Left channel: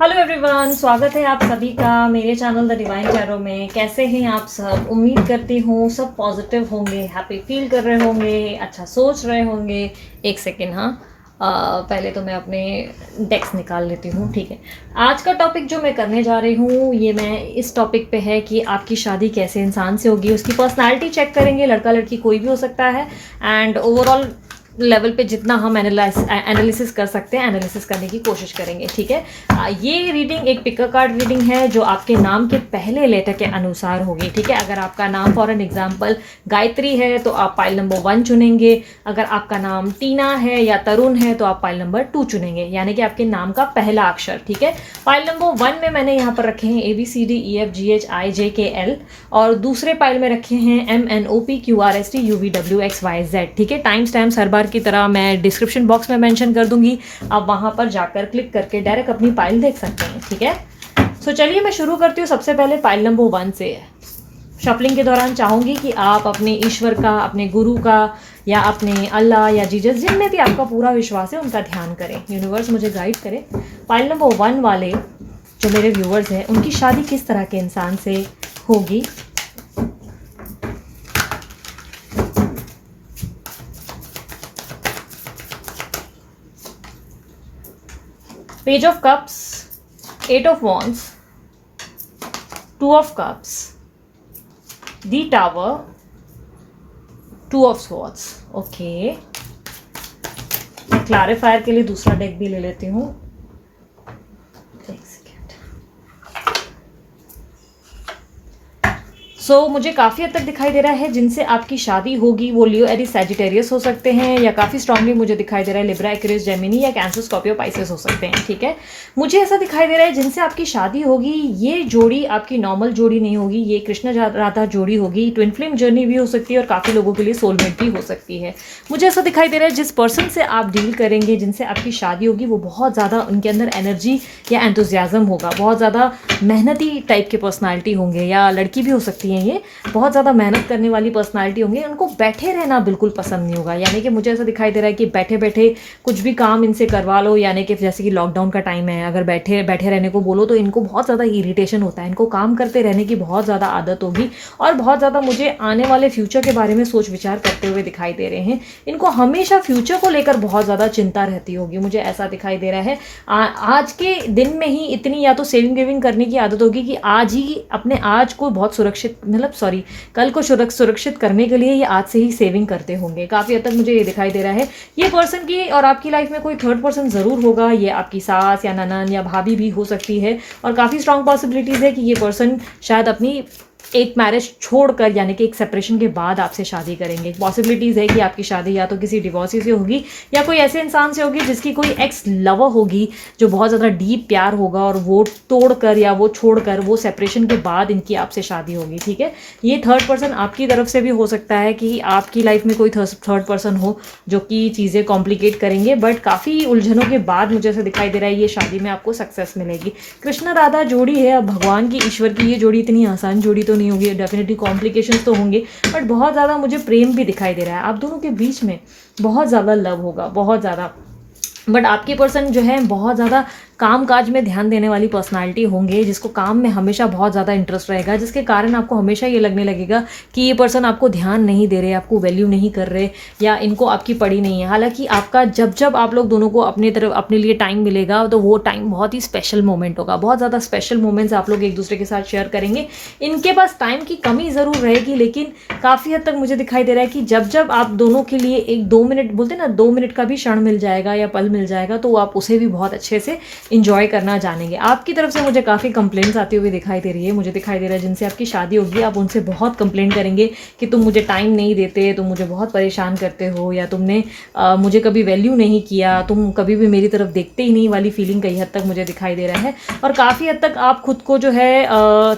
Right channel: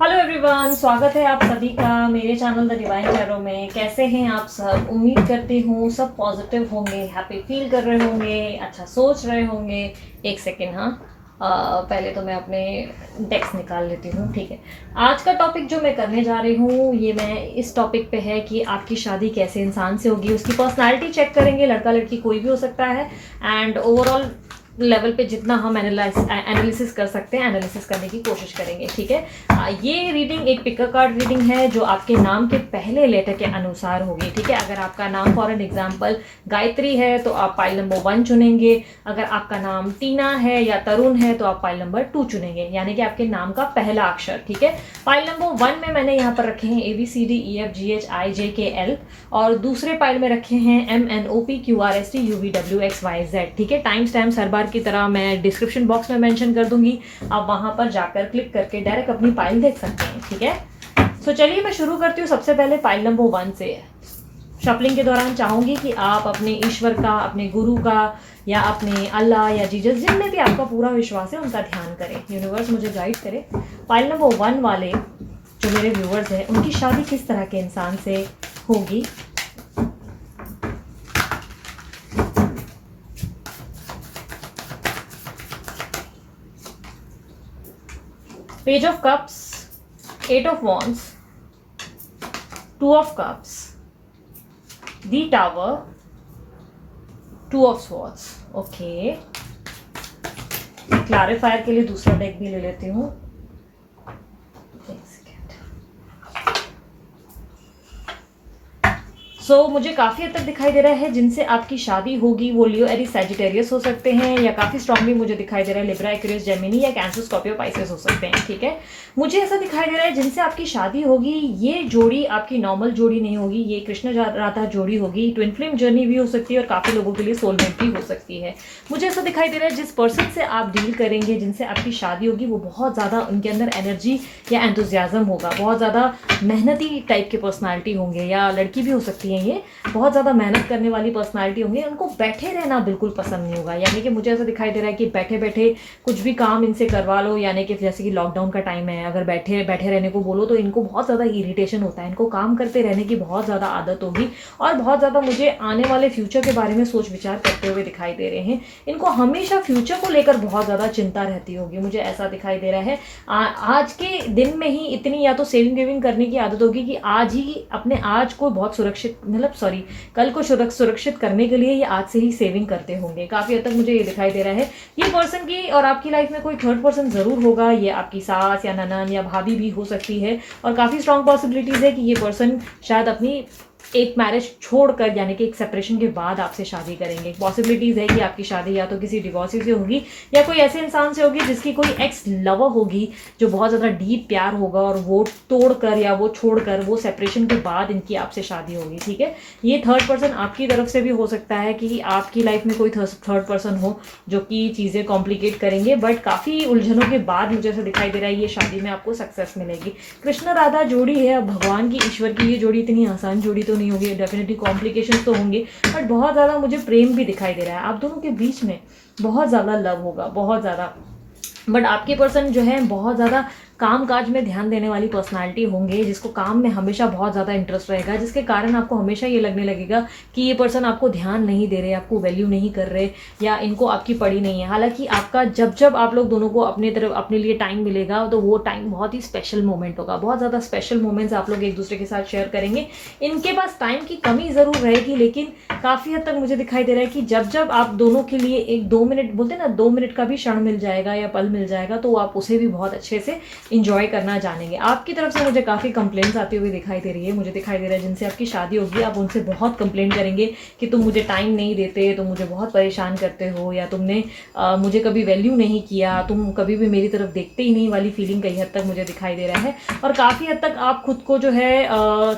Hello everyone, स्वागत है आप सभी का मेरे चैनल द डिवाइन टैरो में। कैसे हैं आप सब? उम्मीद करती हूँ सब पॉजिटिव होंगे, हैप्पी फील कर रहे होंगे, अच्छा सोच रहे होंगे। एक सेकेंड, हाँ, पहले तो मैं अपने डेस्क निकाल लेती हूँ। ठीक है, आज का टॉपिक जो मैं करने जा रही हूँ ये मैं इस टॉपिक पे है कि आपकी शादी कैसे इंसान से होगी। उसकी पर्सनालिटी चेक करेंगे, लड़का लड़की कोई भी हो सकता है, एंड ओवरऑल लेवल पे जितना हम एनालिसिस कर सकते हैं एनालिसिस करने की कोशिश करेंगे। ठीक है, ये रीडिंग एक पिकर कार्ड रीडिंग है जो आपके नाम के पहले लेटर के अनुसार होगी। ठीक है, अगर आपका नाम फॉर एन एग्जांपल गायत्री है तो आप पाइल नंबर 1 चुनेंगे। अगर आपका नाम टीना है या तरुण है तो आप पाइल नंबर 2 चुनेंगे, यानी कि आपके नाम का पहला अक्षर। ठीक है, पाइल नंबर 1 में मैंने यहाँ पर रखे हैं ABCDEFGHIJKL, और दूसरे पाइल में रखे हैं MNOPQRSTUVWXYZ। ठीक है, टाइम स्टैम्प्स हर बार की तरह मैं डिस्क्रिप्शन बॉक्स में मेंशन कर दूंगी, आप वहां पर जाकर क्लिक करके डायरेक्ट अपनी फाइल देख सकते हैं। ठीक है, सो चलिए मैं शुरू करती हूँ सबसे पहले फाइल नंबर 1 से। शफलिंग के दौरान चाहूंगी कि आप अपने ईश्वर का, अपने गुरु का, या अपने अल्लाह या जीसस, जिनमें भी आपका पूरा विश्वास है उनका ध्यान करें। यूनिवर्स मुझे गाइड करे। फाइल नंबर 1 वाले जो मेरे व्यूअर्स हैं उनकी शादी किस तरह के इंसान से होगी। Page of Cups, 8 of Wands, 2 of Cups, the Tower, 2 of Swords। Okay, मैं क्लैरिफायर के लिए दूसरा डेक भी ले लेती हूँ। एक सेकेंड। सो मुझे काफ़ी हद तक दिखाई दे रहा है जिनसे आपकी शादी होगी वो लियो, एरीज, सैजिटेरियस हो सकते हैं, या काफ़ी स्ट्रांगली मुझे दिखाई दे रहा है लिब्रा, एक्वेरियस, जेमिनी या कैंसर, स्कॉर्पियो, पाइसेस हो सकते हैं। ठीक है, मुझे ऐसा दिखाई दे रहा है जिनसे आपकी शादी होगी ये जोड़ी आपकी नॉर्मल जोड़ी नहीं होगी, ये कृष्ण राधा जोड़ी होगी। ट्विन फ्लेम जर्नी भी हो सकती है और काफ़ी लोगों के लिए सोलमेट भी हो सकती है। मुझे ऐसा दिखाई दे रहा है जिस पर्सन से आप डील करेंगे, जिनसे आपकी शादी होगी, वो बहुत ज़्यादा उनके अंदर एनर्जी या एंथुजियाज्म होगा, बहुत ज़्यादा मेहनती टाइप के पर्सनालिटी होंगे, या लड़की भी हो सकती है, ये बहुत ज़्यादा मेहनत करने वाली पर्सनालिटी होंगे। उनको बैठे रहना बिल्कुल पसंद नहीं होगा, यानी कि मुझे ऐसा दिखाई दे रहा है कि बैठे बैठे कुछ भी काम इनसे करवा लो, यानी कि जैसे कि लॉकडाउन का टाइम है, अगर बैठे बैठे रहने को बोलो तो इनको बहुत ज़्यादा इरिटेशन होता है, इनको काम करते रहने की बहुत ज़्यादा आदत होगी, और बहुत ज़्यादा मुझे आने वाले फ्यूचर के बारे में सोच विचार करते हुए दिखाई दे रहे हैं। इनको हमेशा फ्यूचर को लेकर बहुत ज़्यादा चिंता रहती होगी, मुझे ऐसा दिखाई दे रहा है। आज के दिन में ही इतनी या तो सेविंग वेविंग करने की आदत होगी कि आज ही अपने आज को बहुत सुरक्षित, मतलब सॉरी, कल को सुरक्षित करने के लिए ये आज से ही सेविंग करते होंगे। काफ़ी हद तक मुझे ये दिखाई दे रहा है। ये पर्सन की और आपकी लाइफ में कोई थर्ड पर्सन ज़रूर होगा, ये आपकी सास या ननन या भाभी भी हो सकती है, और काफ़ी स्ट्रांग पॉसिबिलिटीज़ है कि ये पर्सन शायद अपनी एक मैरिज छोड़कर, यानी कि एक सेपरेशन के बाद आपसे शादी करेंगे। पॉसिबिलिटीज़ है कि आपकी शादी या तो किसी डिवोर्सी से होगी या कोई ऐसे इंसान से होगी जिसकी कोई एक्स लवर होगी जो बहुत ज़्यादा डीप प्यार होगा, और वो तोड़कर या वो छोड़कर वो सेपरेशन के बाद इनकी आपसे शादी होगी। ठीक है, ये थर्ड पर्सन आपकी तरफ से भी हो सकता है कि आपकी लाइफ में कोई थर्ड पर्सन हो जो कि चीज़ें कॉम्प्लिकेट करेंगे, बट काफ़ी उलझनों के बाद मुझे ऐसा दिखाई दे रहा है ये शादी में आपको सक्सेस मिलेगी। कृष्ण राधा जोड़ी है, अब भगवान की, ईश्वर की ये जोड़ी इतनी आसान जोड़ी तो नहीं होगी, डेफिनेटली कॉम्प्लिकेशंस तो होंगे, बट बहुत ज़्यादा मुझे प्रेम भी दिखाई दे रहा है। आप दोनों के बीच में बहुत ज़्यादा लव होगा, बहुत ज़्यादा। बट आपके पर्सन जो है बहुत ज़्यादा काम काज में ध्यान देने वाली पर्सनालिटी होंगे, जिसको काम में हमेशा बहुत ज़्यादा इंटरेस्ट रहेगा, जिसके कारण आपको हमेशा ये लगने लगेगा कि ये पर्सन आपको ध्यान नहीं दे रहे, आपको वैल्यू नहीं कर रहे, या इनको आपकी पड़ी नहीं है। हालांकि आपका जब जब आप लोग दोनों को अपनी तरफ अपने लिए टाइम मिलेगा तो वो टाइम बहुत ही स्पेशल मोमेंट होगा, बहुत ज़्यादा स्पेशल मोमेंट्स आप लोग एक दूसरे के साथ शेयर करेंगे। इनके पास टाइम की कमी ज़रूर रहेगी, लेकिन काफ़ी हद तक मुझे दिखाई दे रहा है कि जब जब आप दोनों के लिए एक 2 मिनट, बोलते हैं ना, 2 मिनट का भी क्षण मिल जाएगा या पल मिल जाएगा, तो आप उसे भी बहुत अच्छे से इंजॉय करना जानेंगे। आपकी तरफ से मुझे काफ़ी कंप्लेंट्स आती हुई दिखाई दे रही है। मुझे दिखाई दे रहा है जिनसे आपकी शादी होगी आप उनसे बहुत कंप्लेंट करेंगे कि तुम मुझे टाइम नहीं देते, तुम मुझे बहुत परेशान करते हो, या तुमने मुझे कभी वैल्यू नहीं किया, तुम कभी भी मेरी तरफ देखते ही नहीं वाली फीलिंग कई हद तक मुझे दिखाई दे रहा है। और काफ़ी हद तक आप खुद को जो है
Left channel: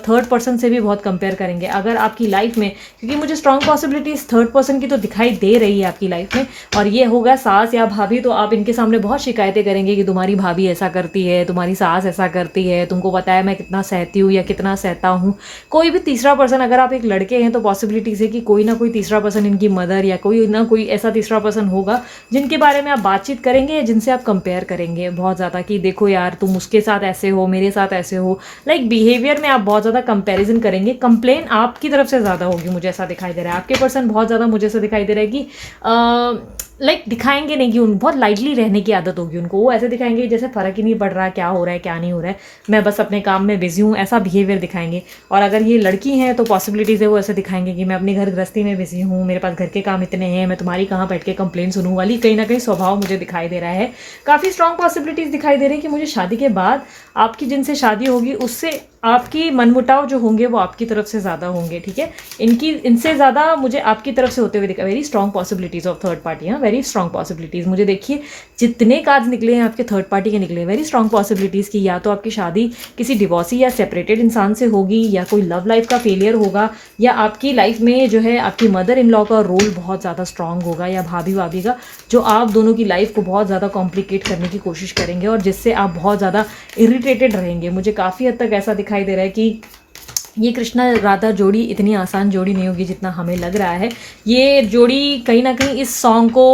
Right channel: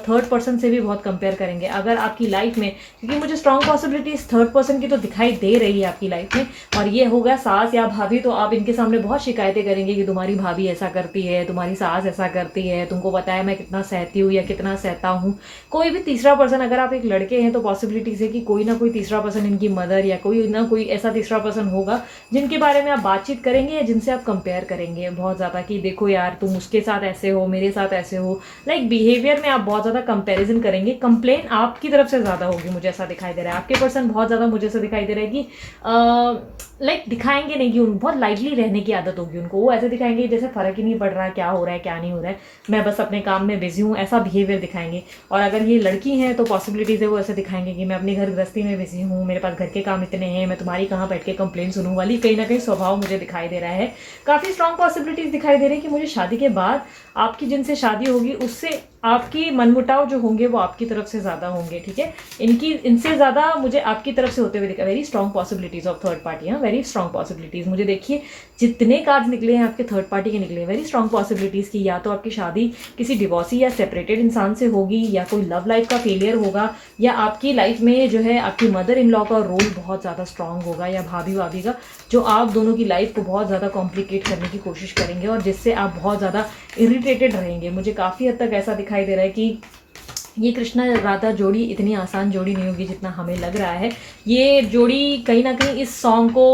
थर्ड पर्सन से भी बहुत कंपेयर करेंगे अगर आपकी लाइफ में, क्योंकि मुझे स्ट्रॉन्ग पॉसिबिलिटीज थर्ड पर्सन की तो दिखाई दे रही है आपकी लाइफ में, और ये होगा सास या भाभी, तो आप इनके सामने बहुत शिकायतें करेंगे कि तुम्हारी भाभी ऐसा करती करती है, तुम्हारी सास ऐसा करती है, तुमको पता है मैं कितना सहती हूँ या कितना सहता हूँ। कोई भी तीसरा पर्सन, अगर आप एक लड़के हैं तो पॉसिबिलिटीज़ है कि कोई ना कोई तीसरा पर्सन, इनकी मदर या कोई ना कोई ऐसा तीसरा पर्सन होगा जिनके बारे में आप बातचीत करेंगे या जिनसे आप कंपेयर करेंगे बहुत ज़्यादा कि देखो यार तुम उसके साथ ऐसे हो, मेरे साथ ऐसे हो। लाइक बिहेवियर में आप बहुत ज़्यादा कंपैरिजन करेंगे। कंप्लेन आपकी तरफ से ज़्यादा होगी, मुझे ऐसा दिखाई दे रहा है। आपके पर्सन बहुत ज़्यादा मुझे ऐसा दिखाई दे रहा है कि लाइक दिखाएंगे नहीं कि उन बहुत लाइटली रहने की आदत होगी उनको। वो ऐसे दिखाएंगे जैसे फ़र्क ही नहीं पड़ रहा क्या हो रहा है क्या नहीं हो रहा है, मैं बस अपने काम में बिजी हूँ, ऐसा बिहेवियर दिखाएंगे। और अगर ये लड़की हैं तो पॉसिबिलिटीज़ है वो ऐसे दिखाएंगे कि मैं अपनी घर गृहस्थी में बिजी हूँ, मेरे पास घर के काम इतने हैं, मैं तुम्हारी कहाँ बैठ के कंप्लेन सुनूँ वाली कहीं ना कहीं स्वभाव मुझे दिखाई दे रहा है। काफ़ी स्ट्रॉन्ग पॉसिबिलिटीज़ दिखाई दे रही है कि मुझे शादी के बाद आपकी जिनसे शादी होगी उससे आपकी मनमुटाव जो होंगे वो आपकी तरफ से ज़्यादा होंगे, ठीक है। इनसे ज़्यादा मुझे आपकी तरफ से होते हुए दिखा। Very strong possibilities of third party, हाँ, वेरी स्ट्रॉन्ग पॉसिबिलिटीज़। मुझे देखिए जितने कार्ड्स निकले हैं आपके थर्ड पार्टी के निकले हैं, वेरी स्ट्रॉन्ग पॉसिबिलिटीज़ की या तो आपकी शादी किसी डिवोर्सी या सेपरेटेड इंसान से होगी, या कोई लव लाइफ का फेलियर होगा, या आपकी लाइफ में जो है आपकी मदर इन लॉ का रोल बहुत ज़्यादा स्ट्रॉन्ग होगा, या भाभी भाभी का, जो आप दोनों की लाइफ को बहुत ज़्यादा कॉम्प्लिकेट करने की कोशिश करेंगे और जिससे आप बहुत ज़्यादा इरिटेटेड रहेंगे। मुझे काफ़ी हद तक ऐसा दिखाई दे रहा है कि ये कृष्णा राधा जोड़ी इतनी आसान जोड़ी नहीं होगी जितना हमें लग रहा है। ये जोड़ी कहीं ना कहीं इस सॉन्ग को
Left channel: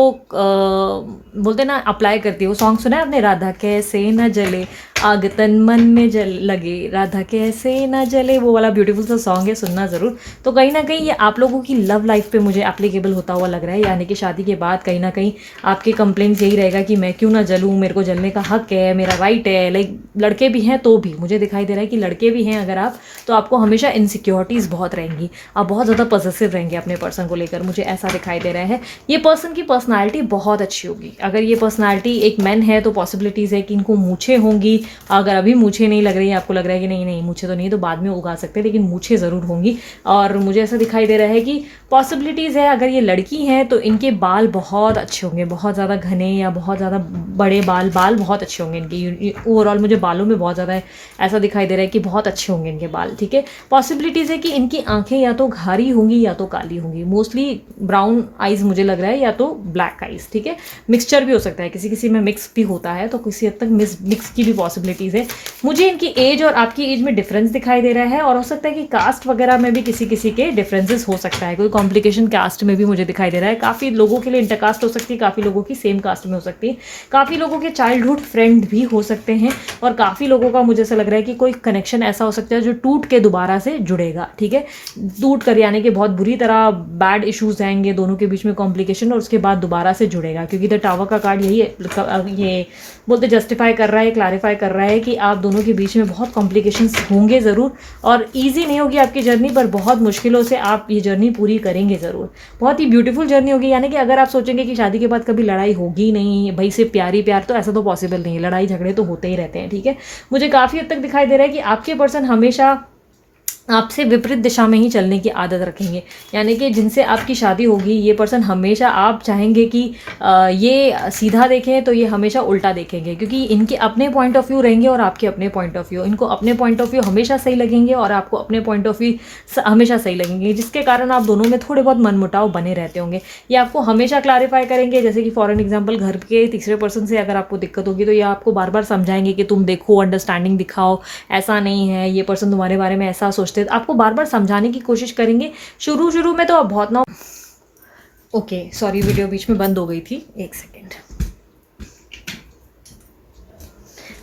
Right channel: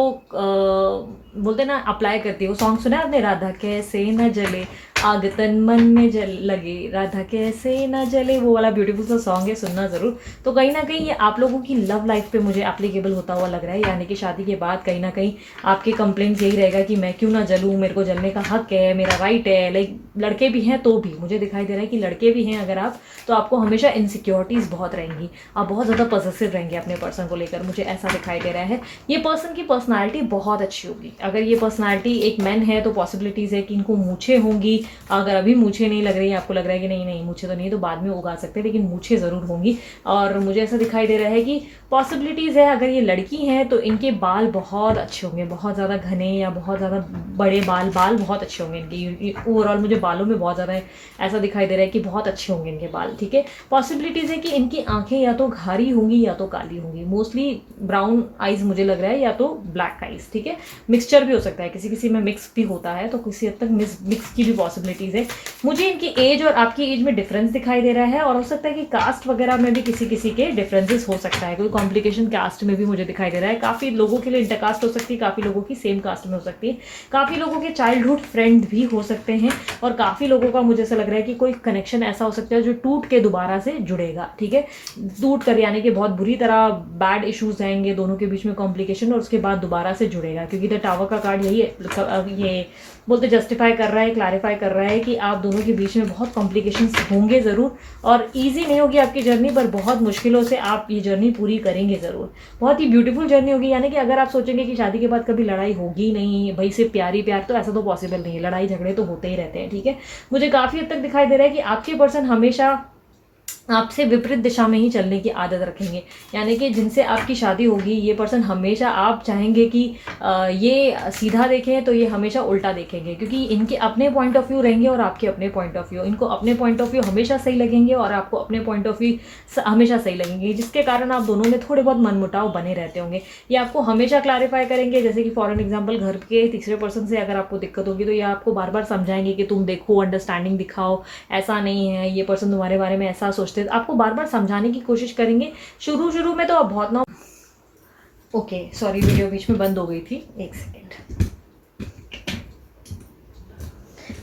बोलते ना अप्लाई करती है। वो सॉन्ग सुना है आपने, राधा कैसे न जले आग तन मन में जल लगे, राधा कैसे न जले, वो वाला ब्यूटीफुल सा सॉन्ग है, सुनना ज़रूर। तो कहीं ना कहीं ये आप लोगों की लव लाइफ पे मुझे एप्लीकेबल होता हुआ लग रहा है। यानी कि शादी के बाद कहीं ना कहीं आपके कंप्लेंट्स यही रहेगा कि मैं क्यों ना जलूँ, मेरे को जलने का हक है, मेरा राइट है। लाइक लड़के भी हैं तो भी मुझे दिखाई दे रहा है कि लड़के भी हैं अगर आप, तो आपको हमेशा इनसिक्योरिटीज़ बहुत रहेंगी, आप बहुत ज़्यादा पॉसेसिव रहेंगे अपने पर्सन को लेकर, मुझे ऐसा दिखाई दे रहा है। ये पर्सन की पर्सनालिटी बहुत अच्छी होगी। अगर ये पर्सनालिटी एक मैन है तो पॉसिबिलिटीज़ है कि इनको मूछें होंगी। अगर अभी मूछें नहीं लग रही है, आपको लग रहा है कि नहीं नहीं मूछें तो नहीं, तो बाद में उगा सकते हैं, लेकिन मूछें ज़रूर होंगी। और मुझे ऐसा दिखाई दे रहा है कि पॉसिबिलिटीज़ है अगर ये लड़की हैं तो इनके बाल बहुत अच्छे होंगे, बहुत ज़्यादा घने या बहुत ज़्यादा बड़े बाल बहुत अच्छे होंगे इनके। ओवरऑल मुझे बालों में बहुत ज़्यादा ऐसा दिखाई दे रहा है कि बहुत अच्छे होंगे इनके बाल, ठीक है। पॉसिबिलिटीज़ है कि इनकी आंखें या तो घारी होंगी या तो काली होंगी, मोस्टली ब्राउन आइज़ मुझे लग रहा है, या तो ब्लैक आइज़, ठीक है। मिक्सचर भी हो सकता है, किसी किसी में मिक्स भी होता है, तो किसी हद तक मिक्स की भी पॉसिबिलिटीज़ है। मुझे इनकी एज और आपकी एज में डिफरेंस दिखाई दे रहा है, और हो सकता है कि कास्ट वगैरह में भी किसी किसी के डिफरेंसेस हो सकता है, कोई कॉम्प्लिकेशन कास्ट में भी मुझे दिखाई दे रहा है। काफ़ी लोगों के लिए इंटरकास्ट हो सकती है, काफ़ी लोगों की सेम कास्ट में हो सकती है, काफ़ी लोगों के चाइल्डहुड फ्रेंड भी हो सकते हैं, और काफ़ी लोगों का मुझे ऐसा लग रहा है कि कोई कनेक्शन ऐसा हो सकता है जो टूट के दोबारा से जुड़ेगा, ठीक है। टूट कर यानी कि बहुत बुरी तरह बैड इश्यूज आएंगे दोनों के बीच में, कॉम्प्लिकेशन, और उसके बाद दोबारा से जुड़ेगा, क्योंकि द टावर का कार्ड यही है, ये बोलते जस्टिफाई कर रहा है, क्लैरिफाई कर रहा है कि आप दोनों के बीच में बहुत कॉम्प्लिकेशंस होंगे ज़रूर, और ईजी नहीं होगी आपकी जर्नी, पर बहुत मुश्किलों से आप ये जर्नी पूरी करेंगे ज़रूर। बहुत ही ब्यूटीफुल जर्नी होगी। यानी कि अगर आप सोचेंगे कि शादी के बाद कभी लड़ाई होगी नहीं, भाई से प्यारी प्यार, तो ऐसा तो पॉसिबल नहीं है, लड़ाई झगड़े तो होते ही रहते हैं, ठीक है। मुझे काफ़ी हद तक दिखाई दे रहा है कि आपके पर्सन हमेशा आपसे विपरीत दिशा में ही चलने की आदत रखेंगे। यानी कि जिनसे आपकी शादी होगी ये पर्सन हमेशा, आप चाहेंगे कि ये सीधा देखें तो ये हमेशा उल्टा देखेंगे, क्योंकि इनके अपने पॉइंट ऑफ व्यू रहेंगे और आपके अपने पॉइंट ऑफ व्यू। इनको अपने पॉइंट ऑफ व्यू हमेशा सही लगेंगे और आपको अपने पॉइंट ऑफ व्यू हमेशा सही लगेंगे, जिसके कारण आप दोनों में थोड़े बहुत मनमुटाव बने रहते होंगे। ये आपको हमेशा क्लैरिफाई करेंगे, जैसे कि फॉर एन एग्जाम्पल घर के तीसरे पर्सन से अगर आपको दिक्कत होगी तो ये आपको बार बार समझाएंगे कि तुम देखो, अंडरस्टैंडिंग दिखाओ, ऐसा नहीं है, ये पर्सन तुम्हारे बारे में ऐसा सोचते, आपको बार बार समझाने की कोशिश करेंगे। शुरू में तो आप बहुत ना, ओके सॉरी वीडियो बीच में बंद हो गई थी, एक सेकेंड।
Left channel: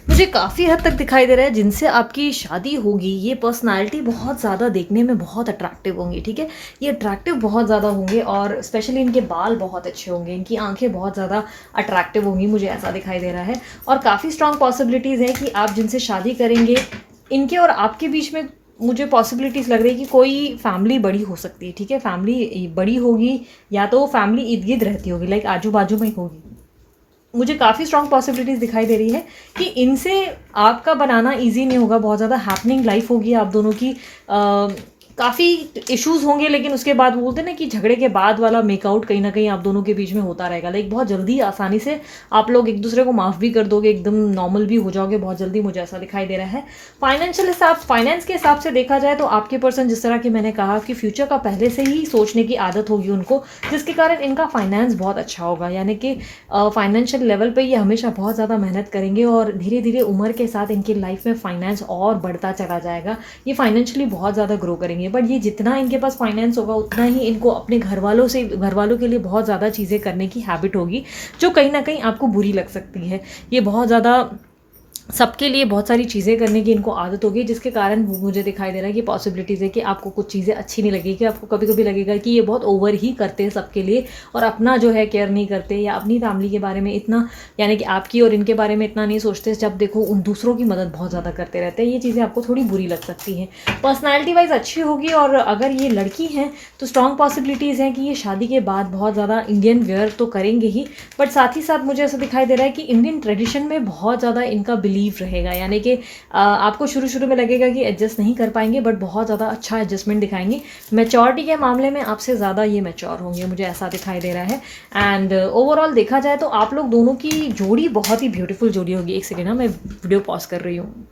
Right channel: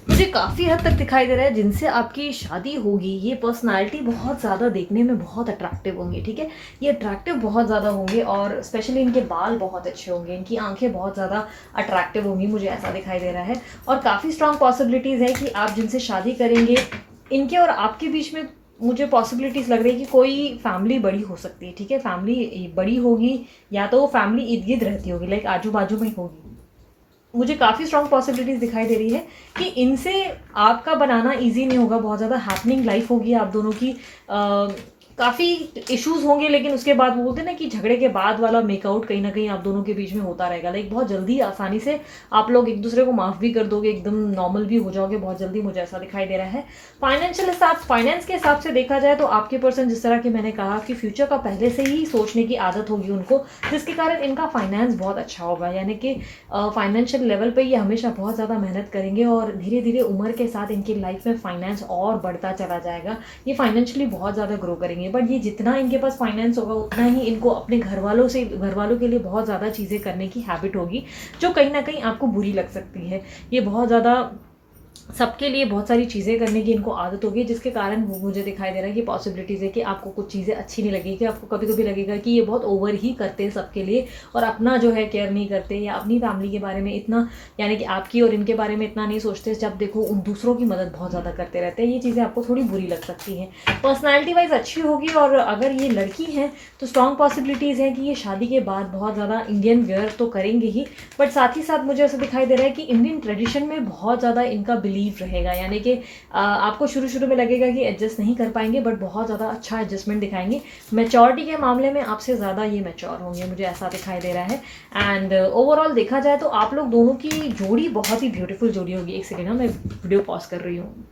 मुझे काफ़ी हद तक दिखाई दे रहा है जिनसे आपकी शादी होगी ये पर्सनालिटी बहुत ज़्यादा देखने में बहुत अट्रैक्टिव होंगी, ठीक है। ये अट्रैक्टिव बहुत ज़्यादा होंगे, और स्पेशली इनके बाल बहुत अच्छे होंगे, इनकी आंखें बहुत ज़्यादा अट्रैक्टिव होंगी, मुझे ऐसा दिखाई दे रहा है। और काफ़ी स्ट्रॉन्ग पॉसिबिलिटीज़ है कि आप जिनसे शादी करेंगे इनके और आपके बीच में मुझे पॉसिबिलिटीज़ लग रही है कि कोई फैमिली बड़ी हो सकती है, ठीक है। फैमिली बड़ी होगी या तो फैमिली इर्द गिर्द रहती होगी, लाइक आजू बाजू में होगी। मुझे काफ़ी स्ट्रॉन्ग पॉसिबिलिटीज़ दिखाई दे रही है कि इनसे आपका बनाना इजी नहीं होगा, बहुत ज़्यादा हैपनिंग लाइफ होगी आप दोनों की। काफ़ी इश्यूज होंगे, लेकिन उसके बाद वो बोलते हैं ना कि झगड़े के बाद वाला मेकआउट कहीं ना कहीं आप दोनों के बीच में होता रहेगा। लाइक बहुत जल्दी आसानी से आप लोग एक दूसरे को माफ़ भी कर दोगे, एकदम नॉर्मल भी हो जाओगे बहुत जल्दी, मुझे ऐसा दिखाई दे रहा है। फाइनेंस के हिसाब से देखा जाए तो आपके पर्सन, जिस तरह की मैंने कहा कि फ्यूचर का पहले से ही सोचने की आदत होगी उनको, जिसके कारण इनका फाइनेंस बहुत अच्छा होगा। यानी कि फाइनेंशियल लेवल पे ये हमेशा बहुत ज़्यादा मेहनत करेंगे और धीरे धीरे उम्र के साथ इनकी लाइफ में फाइनेंस और बढ़ता चला जाएगा। ये फाइनेंशियली बहुत ज़्यादा ग्रो करेंगे, बट ये जितना इनके पास फाइनेंस होगा उतना ही इनको अपने घर वालों के लिए बहुत ज़्यादा चीज़ें करने की हैबिट होगी, जो कहीं ना कहीं आपको बुरी लग सकती है। ये बहुत ज़्यादा सबके लिए बहुत सारी चीज़ें करने की इनको आदत होगी, जिसके कारण मुझे दिखाई दे रहा है कि पॉसिबिलिटीज़ है कि आपको कुछ चीज़ें अच्छी नहीं लगेगी। आपको कभी कभी लगेगा कि ये बहुत ओवर ही करते हैं सबके लिए और अपना जो है केयर नहीं करते, या अपनी फैमिली के बारे में इतना, यानी कि आपकी और इनके बारे में इतना नहीं सोचते। जब देखो उन दूसरों की मदद बहुत ज़्यादा करते रहते हैं। ये चीज़ें आपको थोड़ी बुरी लग सकती हैं। पर्सनैलिटी वाइज अच्छी होगी, और अगर ये लड़की हैं तो स्ट्रॉन्ग पॉसिबिलिटीज़ हैं कि ये शादी के बाद बहुत ज़्यादा इंडियन वेयर तो करेंगे ही, बट साथ ही साथ मुझे ऐसा दिखाई दे रहा है कि इंडियन ट्रेडिशन में बहुत ज़्यादा इनका बिलीव रहेगा। यानी कि आपको शुरू शुरू में लगेगा कि एडजस्ट नहीं कर पाएंगे, बट बहुत ज़्यादा अच्छा एडजस्टमेंट दिखाएंगे। मैच्योरिटी के मामले में आपसे ज़्यादा ये मैच्योर होंगे, मुझे ऐसा दिखाई दे रहा है। एंड ओवरऑल देखा जाए तो आप लोग दोनों की जोड़ी बहुत ही ब्यूटीफुल जोड़ी होगी। एक सेकेंड ना, मैं वीडियो पॉज कर रही हूँ।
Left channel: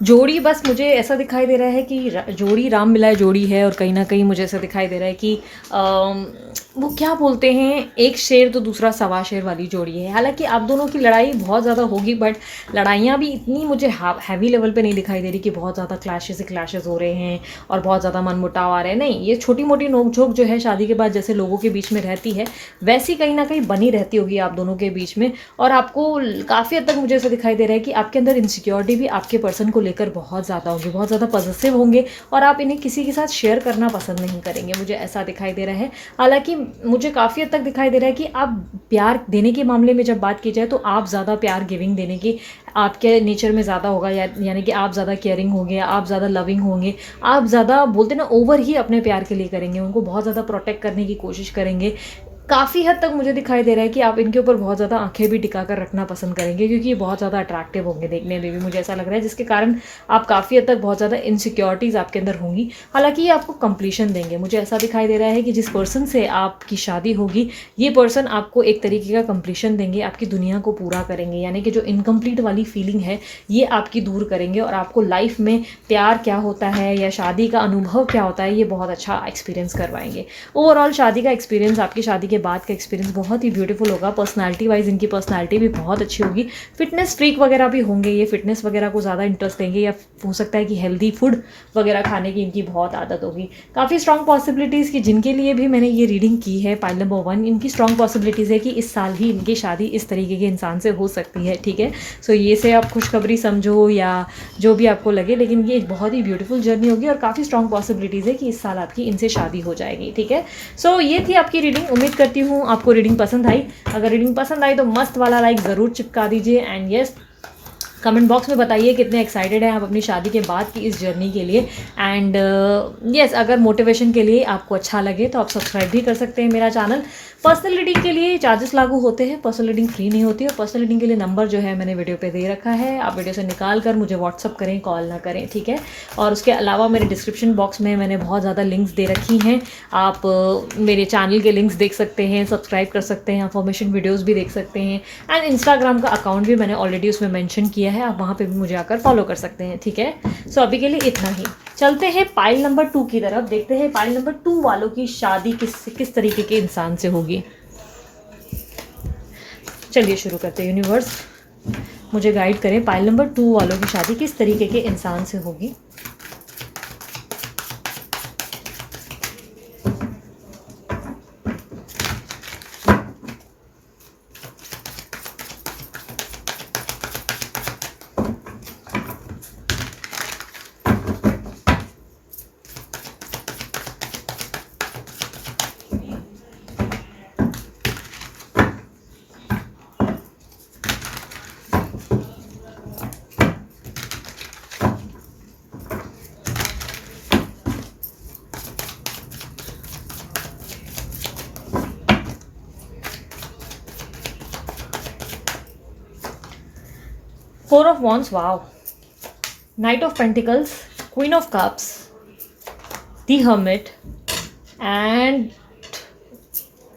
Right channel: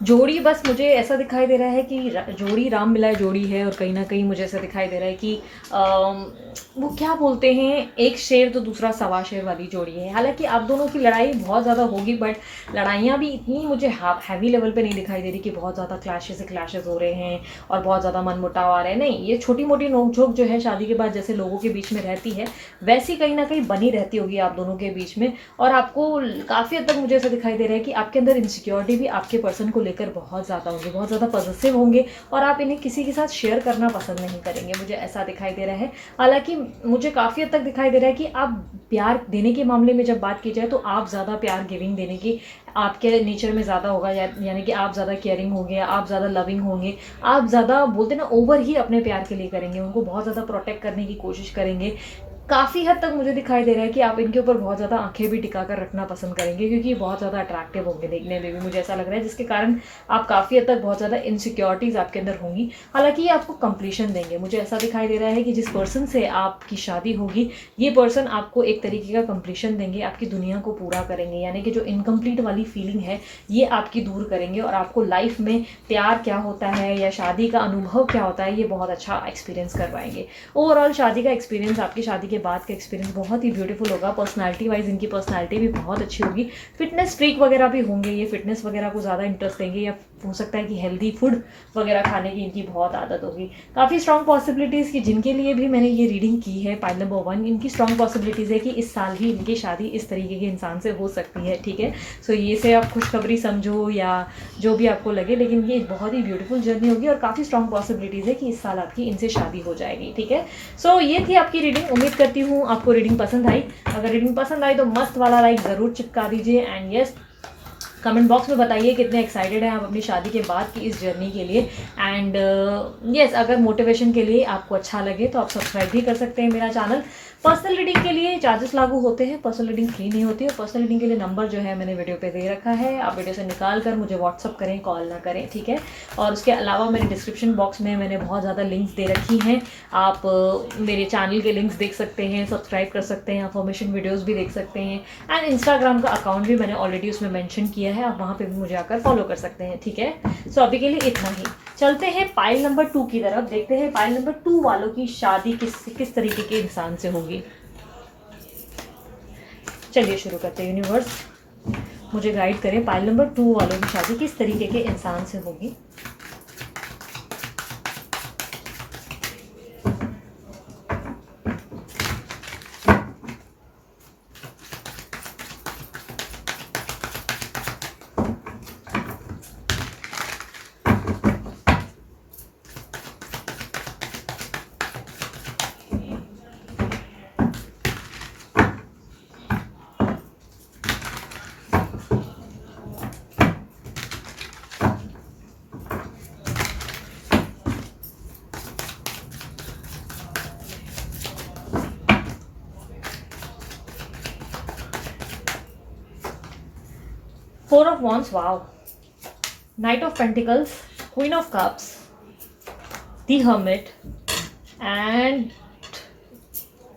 जोड़ी बस मुझे ऐसा दिखाई दे रहा है कि जोड़ी राम मिलाए जोड़ी है, और कहीं ना कहीं मुझे ऐसा दिखाई दे रहा है कि वो क्या बोलते हैं, एक शेर तो दूसरा सवा शेर वाली जोड़ी है। हालांकि आप दोनों की लड़ाई बहुत ज़्यादा होगी, बट लड़ाइयाँ भी इतनी मुझे हैवी लेवल पे नहीं दिखाई दे रही कि बहुत ज़्यादा क्लैशेस हो रहे हैं और बहुत ज़्यादा मनमुटाव आ रहे हैं। नहीं, ये छोटी मोटी नोकझोंक जो है शादी के बाद जैसे लोगों के बीच में रहती है, वैसी कहीं ना कहीं बनी रहती होगी आप दोनों के बीच में। और आपको काफ़ी हद तक मुझे ऐसा दिखाई दे रहा है कि आपके अंदर इनसिक्योरिटी भी आपके पर्सन को लेकर बहुत ज़्यादा होगी, बहुत ज़्यादा पॉजिटिव होंगे, और आप इन्हें किसी के साथ शेयर करना पसंद नहीं करेंगे, मुझे ऐसा दिखाई दे रहा है। हालांकि मुझे काफ़ी हद तक दिखाई दे रहा है कि आप प्यार देने के मामले में जब बात की जाए तो आप ज़्यादा प्यार गिविंग देने की आपके नेचर में ज़्यादा होगा, यानी कि आप ज़्यादा केयरिंग होंगे, आप ज़्यादा लविंग होंगे, आप ज़्यादा बोलते ना ओवर ही अपने प्यार के लिए करेंगे, उनको बहुत ज़्यादा प्रोटेक्ट करने की कोशिश करेंगे। काफ़ी हद तक मुझे दिखाई दे रहा है कि आप इनके ऊपर बहुत ज़्यादा आंखें भी टिका कर रखना पसंद करेंगे, क्योंकि ये बहुत ज़्यादा अट्रैक्टिव होंगे देखने में भी, मुझे ऐसा लग रहा है, जिसके कारण आप काफ़ी हद तक बहुत ज़्यादा इनसिक्योरिटीज़ आपके अंदर होंगी। हालांकि ये आपको कंप्लीशन देंगे, मुझे ऐसा दिखाई दे रहा है कि जिस पर्सन से आपकी शादी होगी, ये पर्सन आपको एक तरीके का कंप्लीशन देंगे, आपकी दुनिया को पूरा करेंगे। यानी कि जो इनकम्प्लीट वाली फीलिंग है ये आपकी दूर करेंगे, और आपको लाइफ में प्यार क्या होता है या शादी का अनुभव क्या होता है ये बहुत अच्छा एक्सपीरियंस करवाएंगे। ओवरऑल शादी का एक्सपीरियंस, आपकी शादी के बाद का एक्सपीरियंस बहुत ही ब्यूटीफुल होगा। पर्सनालिटी वाइज इनकी पर्सनालिटी भी बहुत अच्छी होगी। फिटनेस फ्रीक वगैरह भी होंगे, ये फिटनेस वगैरह को ज़्यादा इंटरेस्ट देंगे, या हो सकता है कि हेल्दी फूड वगैरह खाने की इनकी बहुत आदत होगी। काफ़ी स्ट्रॉन्ग पॉसिबिलिटीज़ की जिनके लिए भी मैंने ये रीडिंग की है, पाइल नंबर 1, इनकी स्ट्रॉन्ग पॉसिबिलिटीज़ है कि इस साल ही इनकी शादी इस तरीके के इंसान से हो सकती है। ठीक है, सो ये से आप खुशखबरी समझो या जो भी आपको लगे, लेकिन ये बहुत ही ब्यूटीफुल जर्नी होगी, और काफ़ी स्ट्रॉन्ग पॉसिबिलिटीज़ है कि इस साल आपकी इनसे शादी हो जाएगी। ठीक है, सो ये थी आपकी रीडिंग। उम्मीद करती हूँ आपको रीडिंग पसंद आई। अगर रीडिंग पसंद आई तो मस्त वाला लाइक ज़रूर चिपका दीजिए, एंड यस, कमेंट बॉक्स में बताइए कितने एक्साइटेड हैं आप अपनी शादी के बाद की इस जर्नी के लिए। एंड यस, अगर मोटिवेशन के लिए आपको अच्छा लगे तो आप सब्सक्राइब भी कर सकते हैं मेरा चैनल। पर्सनल रीडिंग के लिए चार्जेस लागू होते हैं, पर्सनल रीडिंग फ्री नहीं होती है। पर्सनल रीडिंग के लिए नंबर जो है मैंने वीडियो पे दे रखा है, आप वीडियो से निकाल कर मुझे व्हाट्सअप करें, कॉल ना करें। ठीक है, और उसके अलावा मेरे डिस्क्रिप्शन बॉक्स में मैंने बहुत ज़्यादा लिंक्स दे रखी हैं, आप मेरे चैनल के लिंक्स देख सकते हैं, सब्सक्राइब कर सकते हैं, इन्फॉर्मेशन वीडियोज़ भी देख सकते हैं, एंड इंस्टाग्राम का अकाउंट भी मैंने ऑलरेडी उसमें मैंशन किया है, आप वहाँ पे भी मुझे आकर फॉलो कर सकते हैं। ठीक है, सो अभी के लिए इतना ही। चलते हैं पाइल नंबर 2 की तरफ, देखते हैं पाइल नंबर 2 वालों की शादी किस तरीके के इंसान से होगी। चलिए शुरू करते हैं। यूनिवर्स मुझे गाइड करें, पाइल नंबर 2 वालों की शादी किस तरीके के इंसान से होगी। Four of Wands, wow. Knight of Pentacles, Queen of Cups, the hermit and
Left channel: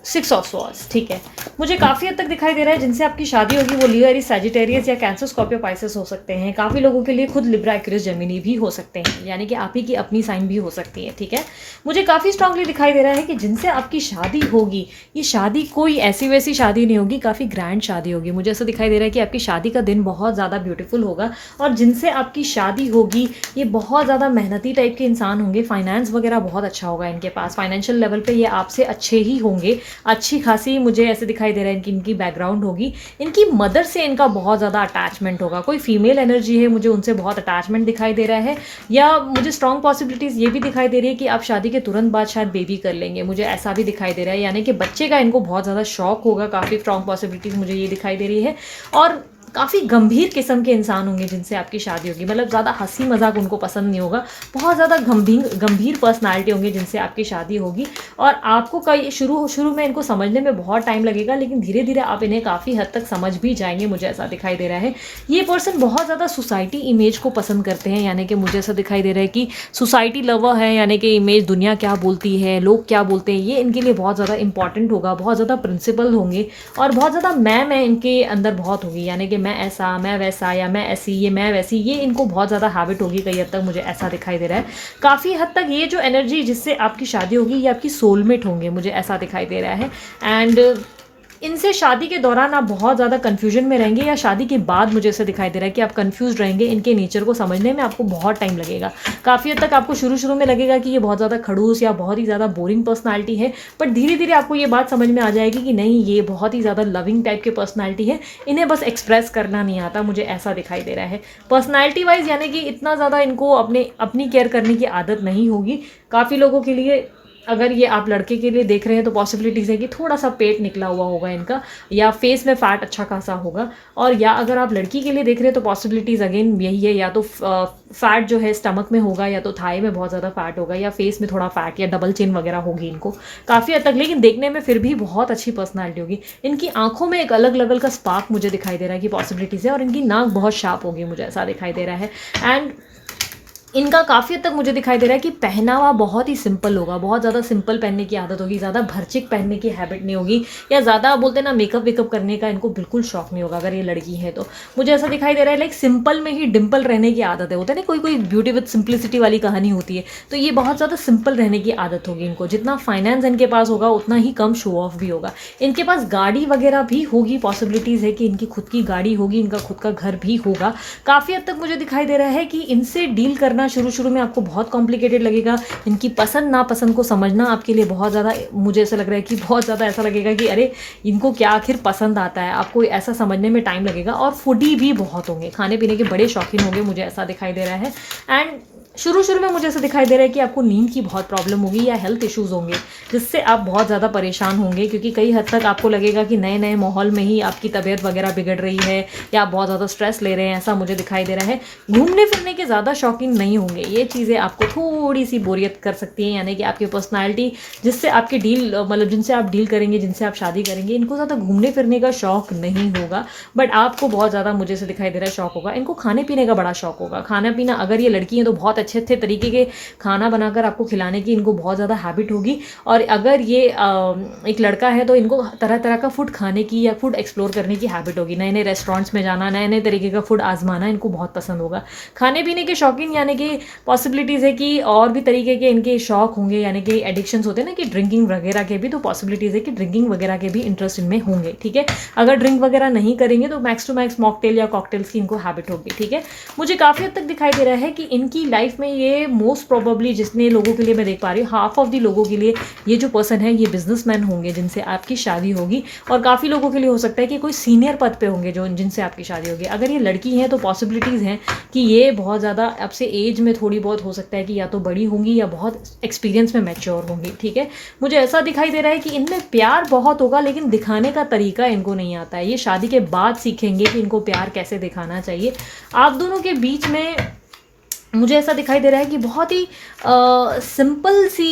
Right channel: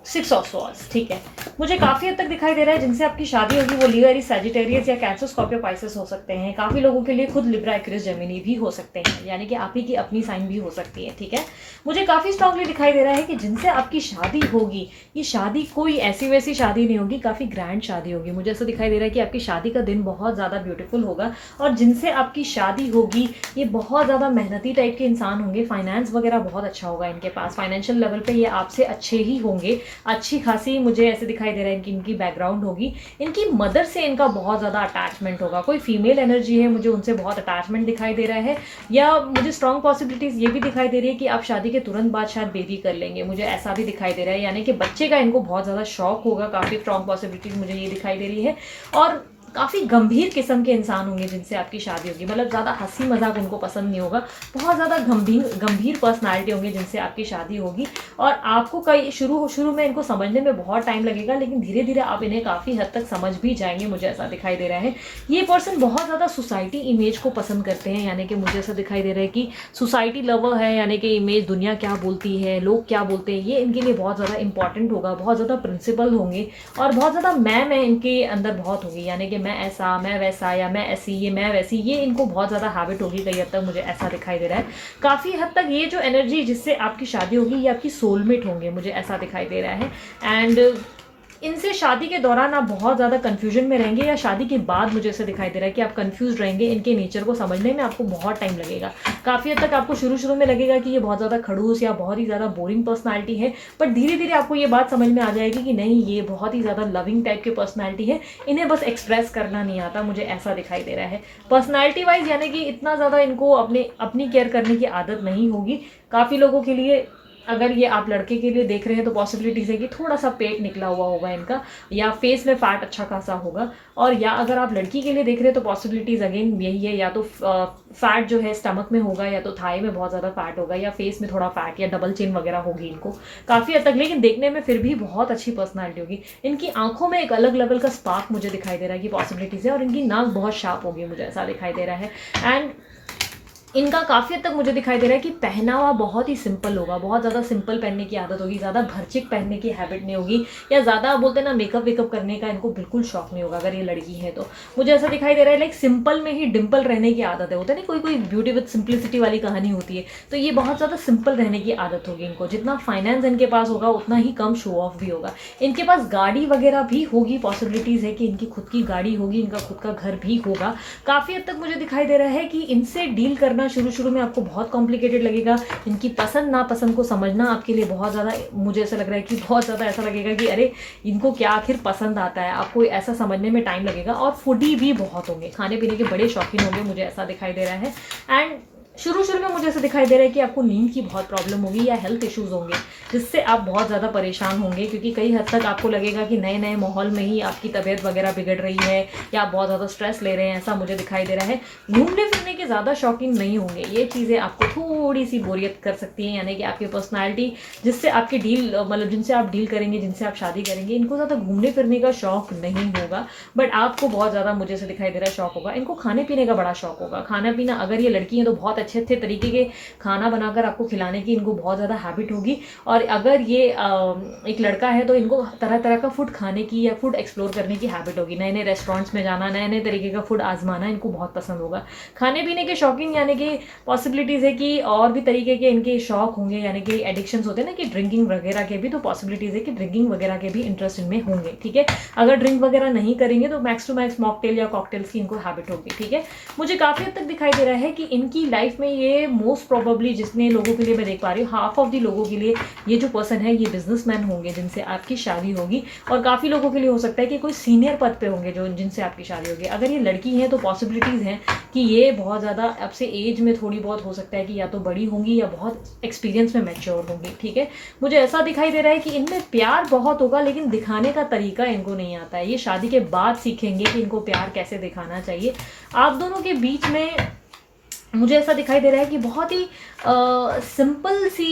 6 of swords. ठीक है, मुझे काफ़ी हद तक दिखाई दे रहा है जिनसे आपकी शादी होगी वो लियो, एरीज, सैजिटेरियस या कैंसर, स्कॉर्पियो, पाइसेस हो सकते हैं। काफ़ी लोगों के लिए खुद लिब्रा, एक्वेरियस, जेमिनी भी हो सकते हैं, यानी कि आप ही की अपनी साइन भी हो सकती है। ठीक है, मुझे काफ़ी स्ट्रांगली दिखाई दे रहा है कि जिनसे आपकी शादी होगी, ये शादी कोई ऐसी वैसी शादी नहीं होगी, काफ़ी ग्रैंड शादी होगी। मुझे ऐसा दिखाई दे रहा है कि आपकी शादी का दिन बहुत ज़्यादा ब्यूटीफुल होगा, और जिनसे आपकी शादी होगी ये बहुत ज़्यादा मेहनती टाइप के इंसान होंगे। फाइनेंस वगैरह बहुत अच्छा होगा इनके पास, फाइनेंशियल लेवल पे ये आपसे अच्छे ही होंगे। अच्छी खासी मुझे ऐसे दिखाई दे रहा है कि इनकी बैकग्राउंड होगी, इनकी मदर से इनका बहुत ज़्यादा अटैचमेंट होगा। कोई फीमेल एनर्जी है, मुझे उनसे बहुत अटैचमेंट दिखाई दे रहा है, या मुझे स्ट्रॉन्ग पॉसिबिलिटीज़ ये भी दिखाई दे रही है कि आप शादी के तुरंत बाद शायद बेबी कर लेंगे, मुझे ऐसा भी दिखाई दे रहा है, यानी कि बच्चे का इनको बहुत ज़्यादा शौक होगा। काफ़ी स्ट्रॉन्ग पॉसिबिलिटीज़ मुझे ये दिखाई दे रही है, और काफ़ी गंभीर किस्म के इंसान होंगे जिनसे आपकी शादी होगी। मतलब ज़्यादा हंसी मजाक उनको पसंद नहीं होगा, बहुत ज़्यादा गंभीर पर्सनालिटी होंगे जिनसे आपकी शादी होगी। और आपको कई शुरू में इनको समझने में बहुत टाइम लगेगा, लेकिन धीरे धीरे आप इन्हें काफ़ी हद तक समझ भी जाएंगे, मुझे ऐसा दिखाई दे रहा है। ये पर्सन बहुत ज़्यादा सोसाइटी इमेज को पसंद करते हैं, यानी कि मुझे ऐसा दिखाई दे रहा है कि सोसाइटी लवर है, यानी कि इमेज, दुनिया क्या बोलती है, लोग क्या बोलते हैं, ये इनके लिए बहुत ज़्यादा इंपॉर्टेंट होगा। बहुत ज़्यादा प्रिंसिपल होंगे, और बहुत ज़्यादा मैं इनके अंदर बहुत होगी, यानी कि मैं ऐसा, मैं वैसा, या मैं ऐसी, ये मैं वैसी, ये इनको बहुत ज़्यादा हैबिट होगी कई हद तक, मुझे ऐसा दिखाई दे रहा है। काफ़ी हद तक ये जो एनर्जी जिससे आपकी शादी होगी ये आपकी सोलमेट होंगे, मुझे ऐसा दिखाई दे रहा है। एंड इनसे शादी के दौरान आप बहुत ज़्यादा कन्फ्यूजन में रहेंगे, या शादी के बाद मुझे ऐसा दिखाई दे रहा है कि आप कन्फ्यूज रहेंगे। इनके नेचर को समझने में आपको बहुत टाइम लगेगा। काफ़ी हद तक आपको शुरू में लगेगा कि ये बहुत ज़्यादा खड़ूस या बहुत ही ज़्यादा बोरिंग पर्सनालिटी है, बट धीरे धीरे आपको ये बात समझ में आ जाएगी कि नहीं, ये बहुत ही ज़्यादा लविंग टाइप की पर्सनालिटी है, इन्हें बस एक्सप्रेस करना नहीं आता, मुझे ऐसा दिखाई दे रहा है। पर्सनैलिटी वाइज यानी कि इतना ज़्यादा इनको अपनी केयर करने की आदत नहीं होगी। काफ़ी लोगों के लिए, अगर ये आप लड़के के लिए देख रहे हैं तो पॉसिबिलिटीज़ है कि थोड़ा सा पेट निकला हुआ होगा इनका, या फेस में फैट अच्छा खासा होगा। और या अगर आप लड़की के लिए देख रहे हैं तो पॉसिबिलिटीज़ अगेन यही है, या तो फैट जो है स्टमक में होगा, या तो थाई में बहुत ज़्यादा फैट होगा, या फेस में थोड़ा फैट या डबल चिन वगैरह होगी इनको काफ़ी हद तक। लेकिन देखने में फिर भी बहुत अच्छी पर्सनैलिटी होगी। इनकी आंखों में एक अलग लेवल का स्पार्क मुझे दिखाई दे रहा है कि पॉसिबिलिटीज़ है, और इनकी नाक बहुत शार्प होगी, मुझे ऐसा दिखाई दे रहा है। एंड इनका काफ़ी हद तक मुझे दिखाई दे रहा है कि पहनावा बहुत ही सिंपल होगा, बहुत ज़्यादा सिंपल पहनने की आदत होगी, ज़्यादा भरचिक पहनने की हैबिट नहीं होगी, या ज़्यादा बोलते हैं ना मेकअप वेकअप करने का इनको बिल्कुल शौक नहीं होगा। अगर ये लड़की है तो मुझे ऐसा दिखाई दे रहा है, लाइक सिंपल में ही डिम्पल रहने की आदत है, होता है ना, कोई कोई ब्यूटी विद सिंप्लिसिटी वाली कहानी होती है, तो ये बहुत ज़्यादा सिंपल रहने की आदत होगी इनको। जितना फाइनेंस इनके पास होगा उतना ही कम शो ऑफ भी होगा। इनके पास गाड़ी वगैरह भी होगी, पॉसिबिलिटीज़ है कि इनकी खुद की गाड़ी होगी, इनका खुद का घर भी होगा। काफ़ी हद तक मुझे दिखाई दे रहा है कि इनसे डील करना शुरू में आपको बहुत कॉम्प्लिकेटेड लगेगा। इनकी पसंद नापसंद को समझना आपके लिए बहुत ज़्यादा, मुझे ऐसा लग रहा है कि बहुत ज़्यादा ऐसा लगेगा कि अरे इनको क्या आखिर पसंद आता है, आपको ऐसा समझने में टाइम लगेगा। और फूडी भी बहुत होंगे, खाने पीने के बड़े शौकीन होंगे, मुझे ऐसा दिखाई दे रहा है। एंड शुरू में मुझे ऐसा दिखाई दे रहा है कि आपको नींद की बहुत प्रॉब्लम होगी, या हेल्थ इश्यूज़ होंगे जिससे आप बहुत ज़्यादा परेशान होंगे, क्योंकि कई हद तक आपको लगेगा कि नए नए माहौल में ही आपकी तबीयत वगैरह बिगड़ रही है, या आप बहुत ज़्यादा स्ट्रेस ले रहे हैं, ऐसा मुझे दिखाई दे रहा है। घूमने फिरने के ज़्यादा शौकीन नहीं होंगे, ये चीज़ें आपको थोड़ी सी बोरियत कर सकती हैं, यानी कि आपकी पर्सनैलिटी जिससे आपकी डील, मतलब जिनसे आप डील करेंगे, जिनसे आप शादी करेंगे, इनको ज़्यादा घूमने फिरने का शौक नहीं होगा, बट आपको बहुत ज़्यादा मुझे ऐसे दिखाई दे रहा है शौक होगा। इनको खाने पीने का बड़ा शौक होगा, खाना पीना, अगर ये लड़की है तो बहुत अच्छे अच्छे तरीके के खाना बनाकर आपको खिलाने की इनको बहुत ज़्यादा हैबिट होगी। और अगर ये एक लड़का है तो इनको तरह तरह का फूड खाने की या फूड एक्सप्लोर करने की हैबिट होगी, नए नए रेस्टोरेंट्स में जाना, नए नए तरीके का फूड आजमाना इनको बहुत पसंद होगा। खाने पीने के शौकीन, यानी कि पॉसिबिलिटीज़ है कि और भी तरीके के इनके शौक होंगे, यानी कि एडिक्शंस होते हैं ना कि ड्रिंकिंग वगैरह के भी, तो पॉसिबिलिटीज़ है कि ड्रिंकिंग वगैरह के भी इंटरेस्ट इनमें होंगे। ठीक है, अगर ड्रिंक वगैरह नहीं करेंगे तो मैक्स टू मैक्स मॉकटेल या कॉकटेल्स की इनको हैबिट होगी। ठीक है, मुझे काफ़ी हद तक दिखाई दे रहा है कि इनकी लाइफ में ये मोस्ट प्रोबेबली, जितने लोगों के लिए मैं देख पा रही हूँ, हाफ ऑफ द लोगों के लिए ये जो पर्सन है ये बिजनेसमैन होंगे जिनसे आपकी शादी होगी। और काफ़ी लोगों के लिए हो सकता है कि कोई सीनियर पद पे होंगे जो जिनसे आपकी शादी होगी। अगर ये लड़की है तो पॉसिबिलिटीज़ हैं कि ये बहुत ज़्यादा आपसे एज में थोड़ी बहुत हो सकता है कि या तो बड़ी होंगी या बहुत एक्सपीरियंस में मैच्योर होंगी। ठीक है, मुझे ऐसा दिखाई दे रहा है कि इनमें प्यार बहुत होगा, लेकिन दिखाने का तरीका इनको नहीं आता है। ये शादी के बाद सीखेंगे कि इनको प्यार कैसे दिखाना चाहिए। आप दोनों के बीच में मुझे ऐसा दिखाई दे रहा है कि बहुत ही सिंपल सी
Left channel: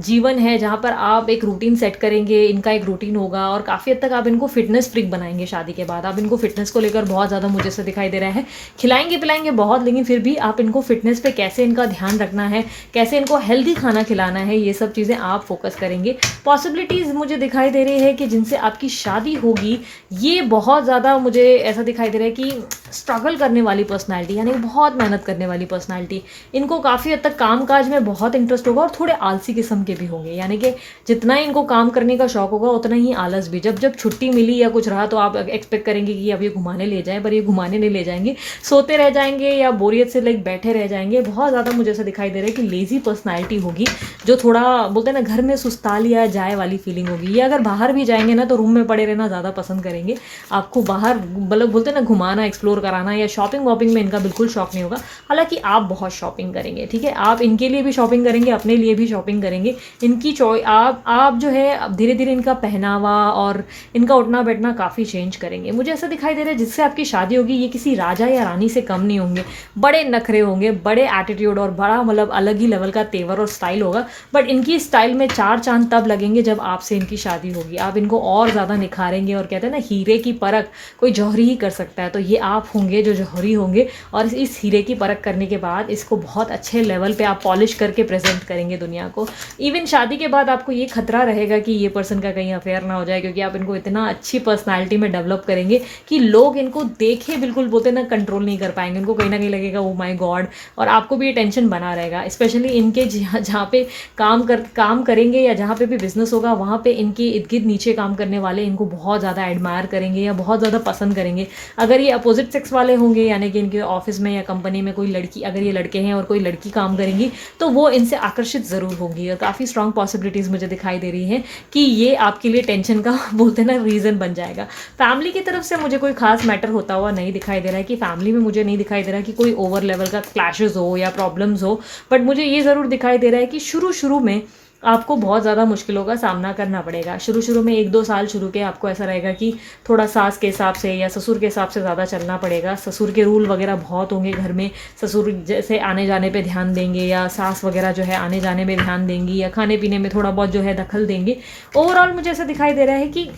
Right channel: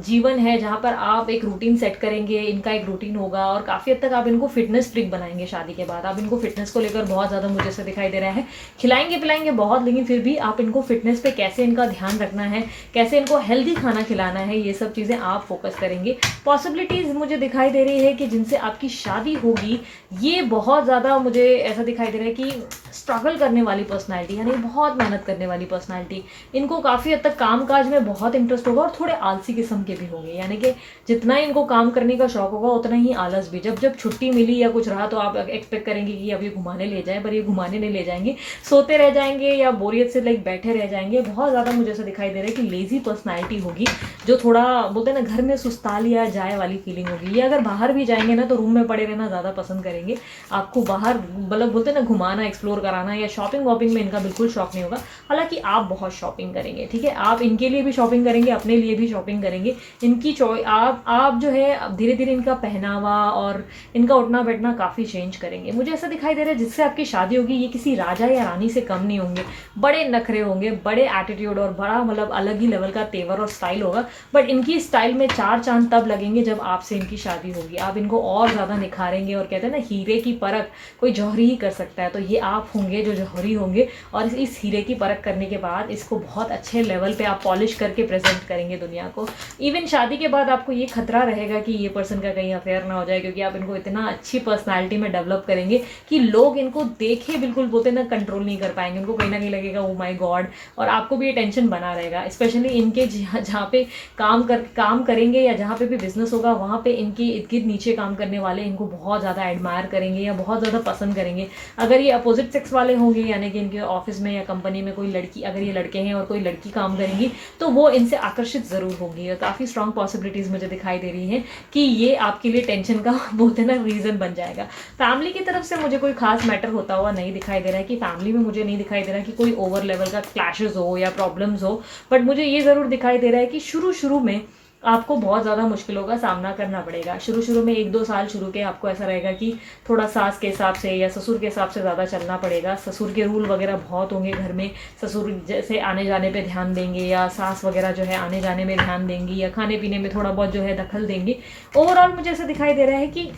जीवन है, जहाँ पर आप एक रूटीन सेट करेंगे, इनका एक रूटीन होगा और काफ़ी हद तक आप इनको फिटनेस फ्रीक बनाएंगे शादी के बाद। आप इनको फिटनेस को लेकर बहुत ज़्यादा मुझे ऐसा दिखाई दे रहा है, खिलाएंगे पिलाएंगे बहुत, लेकिन फिर भी आप इनको फिटनेस पे कैसे इनका ध्यान रखना है, कैसे इनको हेल्दी खाना खिलाना है, ये सब चीज़ें आप फोकस करेंगे। पॉसिबिलिटीज़ मुझे दिखाई दे रही है कि जिनसे आपकी शादी होगी, ये बहुत ज़्यादा मुझे ऐसा दिखाई दे रहा है कि स्ट्रगल करने वाली पर्सनैलिटी, यानी बहुत मेहनत करने वाली पर्सनैलिटी। इनको काफ़ी हद तक काम काज में बहुत इंटरेस्ट होगा और थोड़े आलसी किस्म के भी होंगे, यानी कि जितना इनको काम करने का शौक होगा उतना ही आलस भी। जब जब छुट्टी मिली या कुछ रहा तो आप एक्सपेक्ट करेंगे कि अब ये घुमाने ले जाएं, पर ये घुमाने नहीं ले जाएंगे, सोते रह जाएंगे या बोरियत से लाइक बैठे रह जाएंगे। बहुत ज़्यादा मुझे ऐसा दिखाई दे रहा है कि लेजी पर्सनैलिटी होगी, जो थोड़ा बोलते हैं ना घर में सुस्ता लिया जाए वाली फीलिंग होगी। ये अगर बाहर भी जाएंगे ना तो रूम में पड़े रहना ज़्यादा पसंद करेंगे। आपको बाहर मतलब बोलते हैं ना घुमाना, एक्सप्लोर कराना या शॉपिंग वॉपिंग में इनका बिल्कुल शौक नहीं होगा। हालांकि आप बहुत शॉपिंग करेंगे, ठीक है, आप इनके लिए भी शॉपिंग करेंगे, अपने लिए भी शॉपिंग करेंगे। इनकी आप जो है धीरे धीरे इनका पहनावा और इनका उठना बैठना काफ़ी चेंज करेंगे। मुझे ऐसा दिखाई दे रहा है जिससे आपकी शादी होगी ये किसी राजा या रानी से कम नहीं होंगे। बड़े नखरे होंगे, बड़े एटीट्यूड और बड़ा मतलब अलग ही लेवल का तेवर और स्टाइल होगा। बट इनकी स्टाइल में चार चांद तब लगेंगे जब आपसे इनकी शादी होगी। आप इनको और ज़्यादा निखारेंगे और कहते हैं ना हीरे की परख कोई जौहरी ही कर सकता है, तो ये आप होंगे जो जौहरी होंगे। और इस हीरे की परख करने के बाद इसको बहुत अच्छे लेवल पे आप पॉलिश करके प्रेजेंट करेंगे दुनिया को। इवन शादी के बाद आपको ये खतरा रहेगा कि ये पर्सन का कहीं अफेयर ना हो जाए, क्योंकि आप इनको इतना अच्छी पर्सनालिटी में डेवलप करेंगे कि लोग इनको देखे बिल्कुल बोलते ना कंट्रोल नहीं कर पाएंगे। उनको कहीं ना कहीं लगेगा ओ माय गॉड, और आपको भी ये टेंशन बना रहेगा। स्पेशली इनके जहाँ पे काम करेंगे या जहाँ पे भी बिजनेस होगा, वहाँ पे इनके इर्द गिर्द नीचे काम करने वाले इनको बहुत ज़्यादा एडमायर करेंगे या बहुत ज़्यादा पसंद करेंगे। अगर ये अपोजिट सेक्स वाले होंगे, यानी कि इनके ऑफिस में या कंपनी में कोई लड़की, अगर ये लड़के हैं और कोई लड़की काम करेंगी, तो वो इनसे आकर्षित ज़रूर होंगी। और काफ़ी स्ट्रॉन्ग पॉसिबिलिटीज़ मुझे दिखाई दे रही हैं कि ये आपके लिए टेंशन का बोलते ना रीज़न बन जाएगा। फैमिली की तरफ से मुझे कोई खास मैटर होता हुआ नहीं दिखाई दे रहा है, कि फैमिली में मुझे नहीं दिखाई दे रहा कि कोई ओवर लेवल का क्लैशेस हो या प्रॉब्लम्स हो। बट मुझे ये ज़रूर दिखाई दे रहा है कि शुरू में आपको बहुत ज़्यादा मुश्किलों का सामना करना पड़ेगा। शुरू में 1-2 साल शुरू के आपको ऐसा रहेगा कि थोड़ा सास के हिसाब से या ससुर के हिसाब से ज़्यादा चलना पड़ेगा। ससुर के रूल वगैरह बहुत होंगे घर में, ससुर जैसे आने जाने पे ध्यान देंगे या सास वगैरह जो है आने जाने में ध्यान देंगी या खाने पीने में थोड़ा बहुत जो है दखल देंगे। ओवरऑल मुझे ऐसा दिखाई दे रहा है कि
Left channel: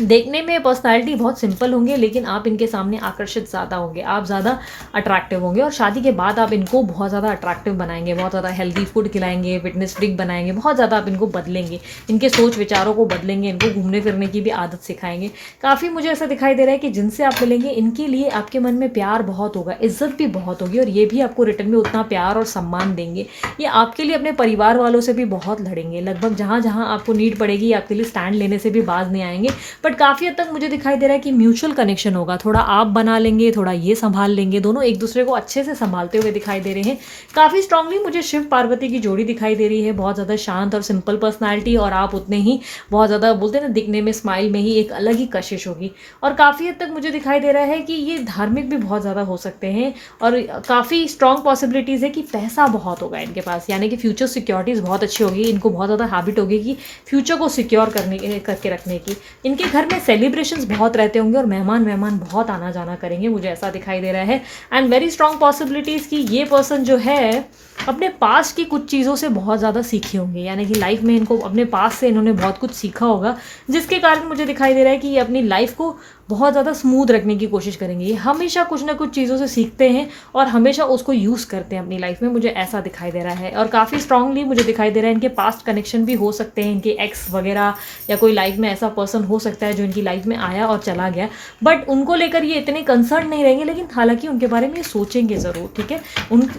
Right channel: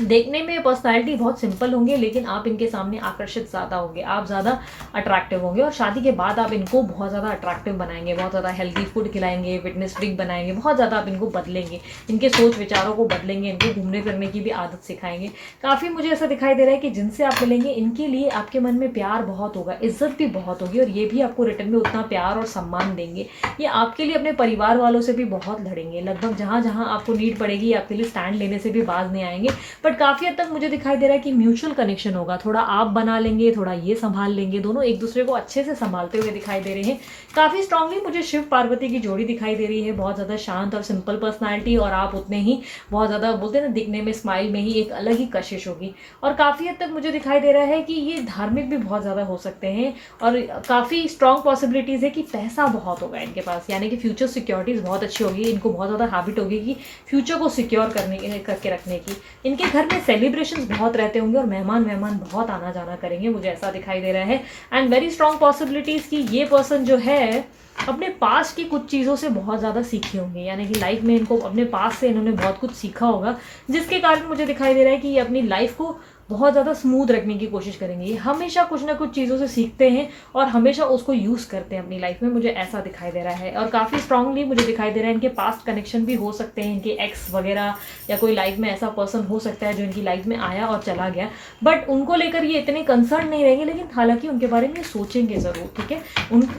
देखने में पर्सनालिटी बहुत सिंपल होंगे, लेकिन आप इनके सामने आकर्षित ज़्यादा होंगे, आप ज़्यादा अट्रैक्टिव होंगे। और शादी के बाद आप इनको बहुत ज़्यादा अट्रैक्टिव बनाएंगे, बहुत ज़्यादा हेल्दी फूड खिलाएंगे, फिटनेस फ्रीक बनाएंगे, बहुत ज़्यादा आप इनको बदलेंगे, इनके सोच विचारों को बदलेंगे, इनको घूमने फिरने की भी आदत सिखाएंगे। काफ़ी मुझे ऐसा दिखाई दे रहा है कि जिनसे आप मिलेंगे इनके लिए आपके मन में प्यार बहुत होगा, इज्जत भी बहुत होगी, और ये भी आपको रिटर्न में उतना प्यार और सम्मान देंगे। ये आपके लिए अपने परिवार वालों से भी बहुत लड़ेंगे, लगभग जहाँ जहाँ आपको नीड पड़ेगी आपके लिए स्टैंड लेने से भी बाज नहीं आएंगे। बट काफ़ी हद तक मुझे दिखाई दे रहा है कि म्यूचुअल कनेक्शन होगा, थोड़ा आप बना लेंगे, थोड़ा ये संभाल लेंगे, दोनों एक दूसरे को अच्छे से संभालते हुए दिखाई दे रहे हैं। काफ़ी स्ट्रांगली मुझे शिव पार्वती की जोड़ी दिखाई दे रही है, बहुत ज़्यादा शांत और सिंपल पर्सनालिटी, और आप उतने ही बहुत ज़्यादा बोलते हैं ना दिखने में स्माइल में ही एक अलग ही कशिश होगी। और काफ़ी हद तक मुझे दिखाई दे रहा है कि ये धार्मिक भी बहुत ज़्यादा हो सकते हैं, और काफ़ी स्ट्रॉन्ग पॉसिबिलिटीज़ है कि पैसा बहुत होगा इनके पास, यानी कि फ्यूचर सिक्योरिटीज़ बहुत अच्छी होगी। इनको बहुत ज़्यादा हैबिट होगी कि फ्यूचर को सिक्योर करके रखने की। इनके घर में सेलिब्रेशंस बहुत रहते होंगे और मेहमान बहुत आना जाना करेंगे, मुझे ऐसा दिखाई दे रहा है। एंड वेरी स्ट्रॉन्ग पॉसिबिलिटीज़ कि ये पर्सन जो है अपने पास्ट की कुछ चीज़ों से बहुत ज़्यादा सीखे होंगे, यानी कि लाइफ में इनको अपने पास्ट से इन्होंने बहुत कुछ सीखा होगा, जिसके कारण मुझे दिखाई दे रहा है कि ये अपनी लाइफ को बहुत ज़्यादा स्मूथ रखने की कोशिश करेंगे। ये हमेशा कुछ ना कुछ चीज़ों से सीखते हैं और हमेशा उसको यूज़ करते हैं अपनी लाइफ में, मुझे ऐसा दिखाई दे रहा है। और काफ़ी स्ट्रांगली मुझे दिखाई दे रहा है इनके पास्ट कनेक्शन भी हो सकते हैं, इनके एक्स वगैरह या कोई लाइफ में ऐसा पर्सन हो सकता है जो इनकी लाइफ में आया और चला गया, बट उनको लेकर ये इतने कंसर्न नहीं रहेंगे, लेकिन हालांकि उनके बारे में सोचेंगे ज़रूर, ठीक है।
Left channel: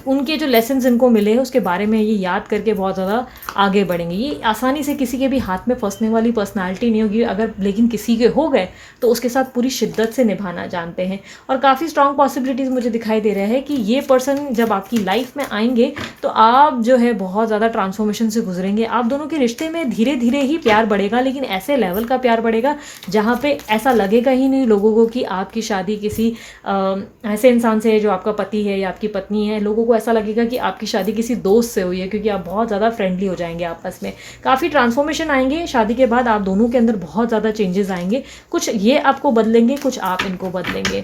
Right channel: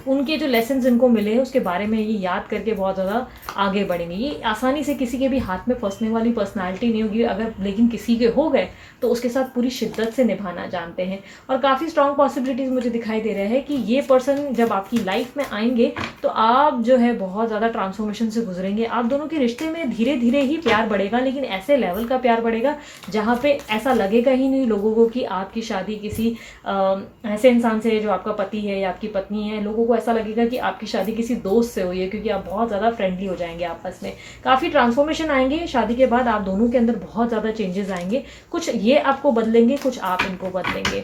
उनके जो लेसन इनको मिले हैं उसके बारे में ये याद करके बहुत ज़्यादा आगे बढ़ेंगे। ये आसानी से किसी के भी हाथ में फंसने वाली पर्सनालिटी नहीं होगी, अगर लेकिन किसी के हो गए तो उसके साथ पूरी शिद्दत से निभाना जानते हैं। और काफ़ी स्ट्रॉन्ग पॉसिबिलिटीज़ मुझे दिखाई दे रहा है कि ये पर्सन जब आपकी लाइफ में आएंगे तो आप जो है बहुत ज़्यादा ट्रांसफॉर्मेशन से गुजरेंगे। आप दोनों के रिश्ते में धीरे धीरे ही प्यार बढ़ेगा, लेकिन ऐसे लेवल का प्यार बढ़ेगा जहाँ पे ऐसा लगेगा ही नहीं लोगों को कि आपकी शादी किसी ऐसे इंसान से है जो आपका पति है या आपकी पत्नी है। लोगों को ऐसा लगेगा कि आपकी शादी किसी दोस्त से हुई है, क्योंकि आप बहुत ज़्यादा फ्रेंडली हो जाएंगे आपस में। काफ़ी ट्रांसफॉर्मेशन आएंगे शादी के बाद, आप दोनों के अंदर बहुत ज़्यादा चेंजेस आएंगे। कुछ ये आपको बदलेंगे, कुछ आप इनको बदलेंगे।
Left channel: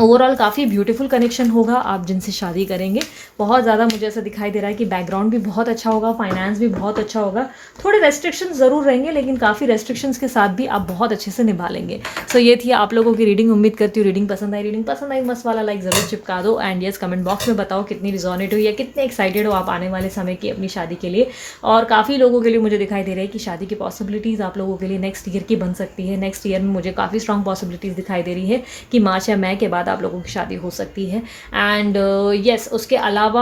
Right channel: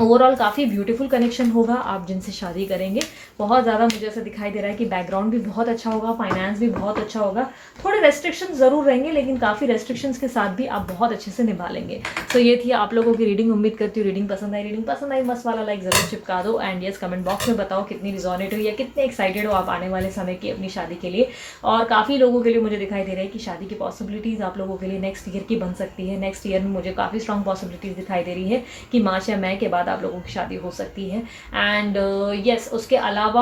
ओवरऑल काफ़ी ब्यूटीफुल कनेक्शन होगा आप जिनसे शादी करेंगे। बहुत ज़्यादा मुझे ऐसा दिखाई दे रहा है कि बैकग्राउंड भी बहुत अच्छा होगा, फाइनेंस भी बहुत अच्छा होगा। थोड़े रेस्ट्रिक्शंस ज़रूर रहेंगे, लेकिन काफ़ी रेस्ट्रिक्शंस के साथ भी आप बहुत अच्छे से निभा लेंगे। सो ये थी आप लोगों की रीडिंग। उम्मीद करती हूँ रीडिंग पसंद आई मस्त वाला लाइक ज़रूर चिपका दो। एंड यस, कमेंट बॉक्स में बताओ कितनी रिजोनेट हुई या कितने एक्साइटेड हो आप आने वाले समय की अपनी शादी के लिए। और काफ़ी लोगों के लिए मुझे दिखाई दे रहा है कि शादी की पॉसिबिलिटीज़ आप लोगों के लिए नेक्स्ट ईयर की बन सकती है। नेक्स्ट ईयर में मुझे काफ़ी स्ट्रॉन्ग पॉसिबिलिटीज़ दिखाई दे रही है कि मार्च या मई के बाद आप लोगों की शादी हो सकती है। एंड यस, उसके अलावा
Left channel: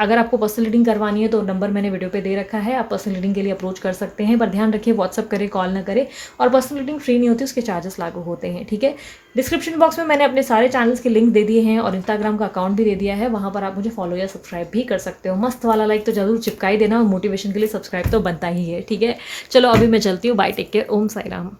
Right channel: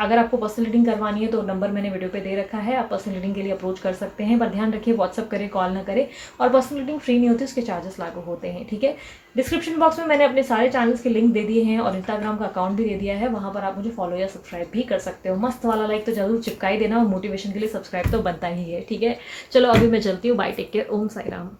अगर आपको पर्सनल रीडिंग करवानी है तो नंबर मैंने वीडियो पे दे रखा है, आप पर्सनल रीडिंग के लिए अप्रोच कर सकते हैं। पर ध्यान रखिए व्हाट्सअप करें, कॉल ना करें। और पर्सनल रीडिंग फ्री नहीं होती, उसके चार्जेस लागू होते हैं, ठीक है। डिस्क्रिप्शन बॉक्स में मैंने अपने सारे चैनल्स के लिंक दे दिए हैं और इंस्टाग्राम का अकाउंट भी दे दिया है, वहाँ पर आप मुझे फॉलो या सब्सक्राइब भी कर सकते हो। मस्त वाला लाइक तो जरूर चिपका ही देना, और मोटिवेशन के लिए सब्सक्राइब तो बनता ही है, ठीक है। चलो अभी मैं चलती हूँ, बाय, टेक केयर, ओम साई राम।